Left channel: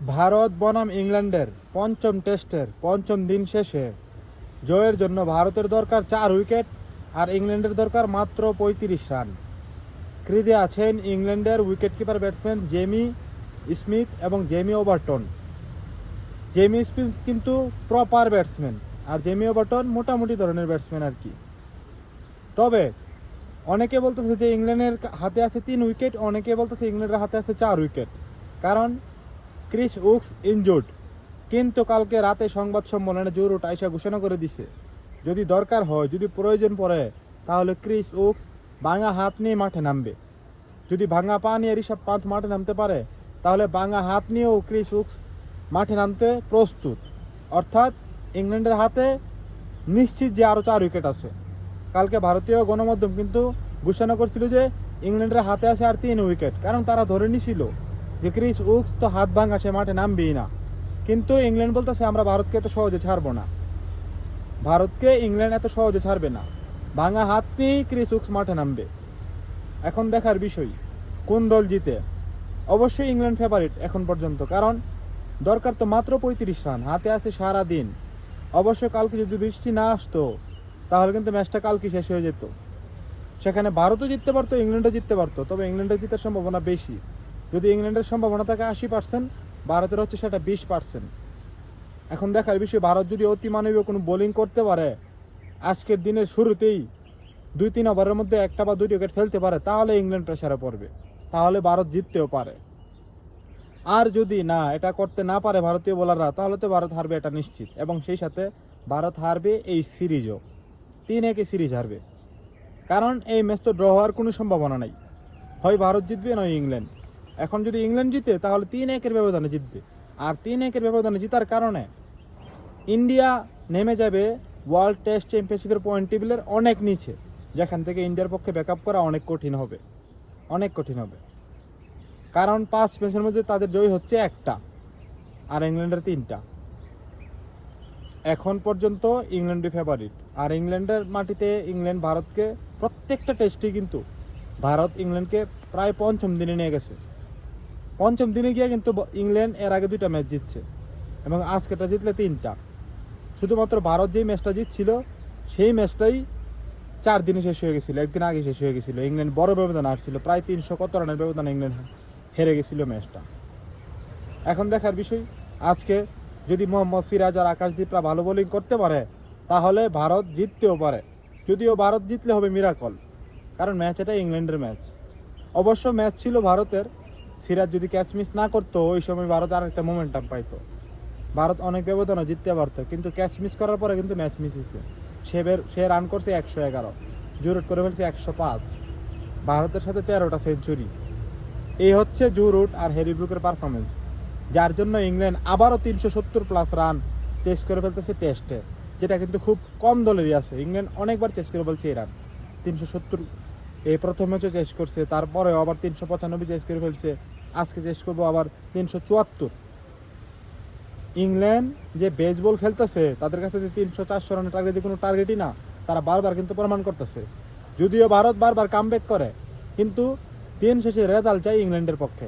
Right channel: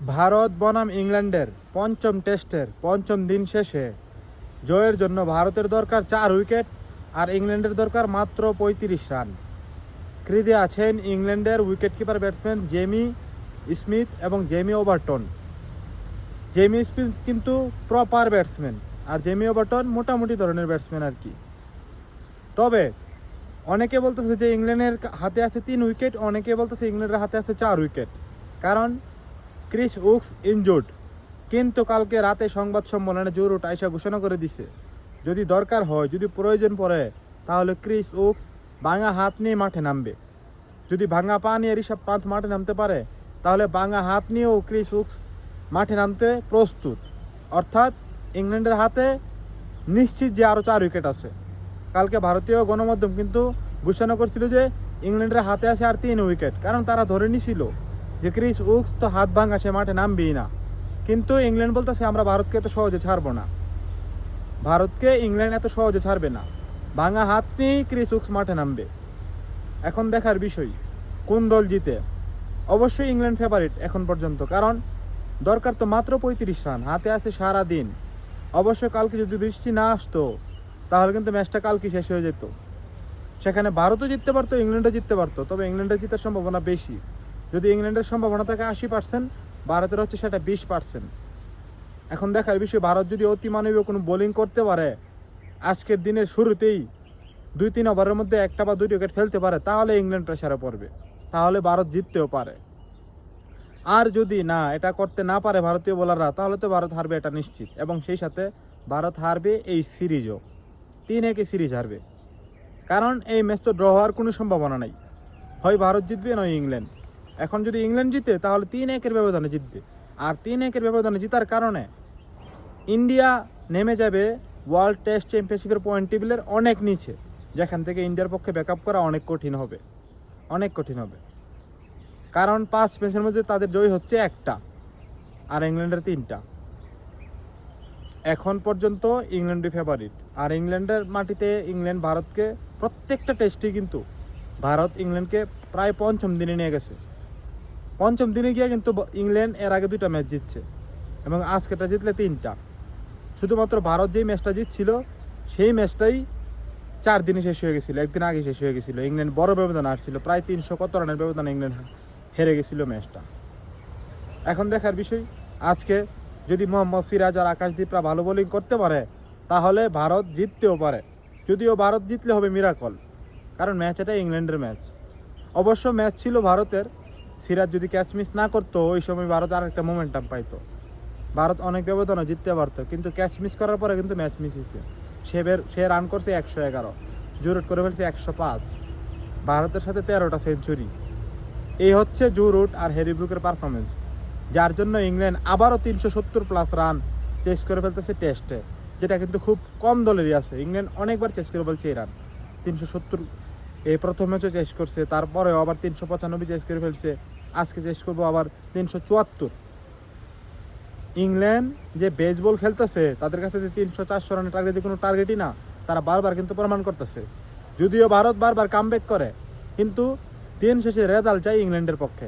ভারত বনাম ইংল্যান্ডের পঞ্চম টেস্টের পঞ্চম দিন শেষে জয়ের জন্য ভারতের দরকার 4 উইকেট আর ইংল্যান্ডের দরকার মাত্র 35 রান। ক্রিজে আছেন ইংল্যান্ডের উইকেটকিপার ব্যাটসম্যান জেমি স্মিথ এবং জেমি ওভারটন। জেমি স্মিথ কিন্তু প্রপার ব্যাটসম্যান আর জেমি ওভারটন মোটামুটি ধরনের ব্যাটসম্যান আর কি। তবে অনেকে বলতেছে যে ইংল্যান্ডের হাতে আছে 3 উইকেট, অনেকে বলতেছে ইংল্যান্ডের হাতে আছে 4 উইকেট, কারণ ক্রিস উকস ইনজুর্ড। কিন্তু কালকে রাতে সংবাদ সম্মেলনে জো রুট আইসা ঘোষণা করে দিছে যদি দরকার হয়, যদি প্রয়োজন পড়ে, তাহলে ক্রিস উকস ভাঙা হাত নিয়ে মাঠে নামবে। যদি ভাঙা পা নিয়ে ঋষভ পান্থ মাঠে নামতে পারে, তাহলে ভাঙা হাত নিয়েও ক্রিস উকস মাঠে নামতে প্রস্তুত। অর্থাৎ ইংল্যান্ডের হাতে নিশ্চিত যে আরও 4 উইকেট আছে। কালকে ভারতীয় গণমাধ্যম কিন্তু ঘোষণা করছিল যে ইংল্যান্ডের হাতে আছে আর 3 উইকেট, কারণ তারা ধরে নিছিল যে ক্রিস উকস তো হাত ভাঙা, সে মাঠে নামবেই না। কিন্তু ইংল্যান্ড বলতেছে আমরা ভারতকে এত সহজে ছাড়বো না, ভারতকে ইংল্যান্ড এত সহজে ছাড়বে না, ভাঙা হাত নিয়েই ক্রিস উকস মাঠে নামবে। এখন দেখার বিষয় কোন দল জিতে। অবশ্যই ইংল্যান্ড ফেভারিট এখন পর্যন্ত, কারণ দরকার তো মাত্র 35 রান, হাতে আছে সারা দিন। অবশ্যই কালকে যদি বৃষ্টি না আসতো তাহলে কিন্তু ম্যাচটা কালকে শেষ হয়ে যেত। সেখানে ভারতও জিততে পারতো, ইংল্যান্ডও জিততে পারতো, তবে ইংল্যান্ডের জিতার সম্ভাবনা বেশি। যদি ইংল্যান্ডের সম্ভাবনা থাকে 80%, ভারতের হচ্ছে সেটা 20%। এখন দেখার বিষয় ভারত যদি অতি মানবীয় কোনো বোলিং করতে পারে, আজকের দিনের শুরুতেই 2-3 ওভারের মধ্যে একটা বা 2 উইকেট ফেলতে পারে, তাহলে ইংল্যান্ড প্রেসারে পড়বে, তাহলে ভারত জিততেও পারে। আর যদি না এটা করতে না পারে ভারতীয় বোলাররা, তাহলে তো ভারত হারবে, এটা নিশ্চিত। এবং সেই সাথে ভারত হারবে এই সিরিজও, 3-1 সিরিজ হারবে। কারণ এই ম্যাচ তো ড্র হওয়ার কোনো সম্ভাবনা নাই, হয় ভারত জিতবে নয় ইংল্যান্ড। এখন যদি ইংল্যান্ড জিতে তাহলে 3-1 ব্যবধানে জিতবে, আর 3-1 ব্যবধানে জিতার কারণে ইন্ডিয়া নেমে যাবে ওয়ার্ল্ড টেস্ট চ্যাম্পিয়নশিপের পয়েন্ট টেবিলের অনেক নিচে, যেখান থেকে ইন্ডিয়ার পক্ষে ব্যাকআপ করা অনেক কঠিন হবে, অনেক কঠিন হবে। কারণ 5 ম্যাচের মধ্যে তাদের জয় হচ্ছে 1টা আর ইংল্যান্ডের 3টা। এখন পর্যন্ত ইংল্যান্ডই ফেভারিট। আর ইংল্যান্ডের মাটিতে ইংল্যান্ড ভারতকে প্রত্যেকটা টেস্টে কিন্তু ভারত ইংল্যান্ডকে প্রায় পঞ্চম দিনে নিয়ে গেছে। পঞ্চম দিনে গিয়ে কিন্তু ইংল্যান্ড এর আগে 2টা ম্যাচ জিতছে এবং আজকেটা জিতলে 3টা। শুধুমাত্র ভারত যেই ম্যাচটা জিতছিল সেই ম্যাচটাই 4 দিনে শেষ হয়ে গেছিলো, একদিন আগে শেষ হয়ে গেছিলো। ইংল্যান্ড বড় ব্যবধান আসছিল, প্রায় 300 কত রানের ব্যবধানে ইংল্যান্ড হেরে গেছিল ম্যাচটা। এখন দেখার বিষয় আজকে যদি মোহাম্মদ সিরাজ আর আকাশদীপরা ভালো বোলিং করতে পারে, তাহলে ভারত জিততেও পারে। যদিও ভারত জিতলে হবে মিরাকল, কারণ ম্যাচ এটা ইংল্যান্ডের ম্যাচ। অবশ্য ম্যাচ ছিল ভারতের, সিরাজ যদি ক্যাচ মিস না করতো ওই সময় ভারত আর একটা মোমেন্টাম পাইতো, ভারত অনেক ব্যবধানে জিততে পারতো। কিন্তু ক্যাচ মিস করার পরে কিন্তু ম্যাচ মিস হয়েছে। সে রান করছে 111, জো রুট করে ফেলছে 105, ভারতের সাথে 13টা সেঞ্চুরি। এই হচ্ছে জো রুট আর হ্যারি ব্রুকের পারফরমেন্স, যার জন্য ইংল্যান্ড আবারও 370+ রান চেস করে ফেলতেছে টেস্টে, যেটা কিন্তু খুব কম দলেরই আছে। ইংল্যান্ড অনেকবার চেস করে ফেলছে এই রান, 370 এই প্রথম ম্যাচও চেস করছে, তারপরে আবার 395 চেস করে ফেলছে, আজকে চেস করবো আবার 374। ইংল্যান্ড যে বেসবল খেলতেছে, তাদের কাছে যে 300-400 রানের টার্গেট কোনো টার্গেটই না, তারা বারবার কিন্তু প্রমাণ করতেছে। যদিও ভারত বারবার কামব্যাক করে, কিন্তু দিন শেষে রেজাল্ট চাই ইংল্যান্ডের পক্ষে।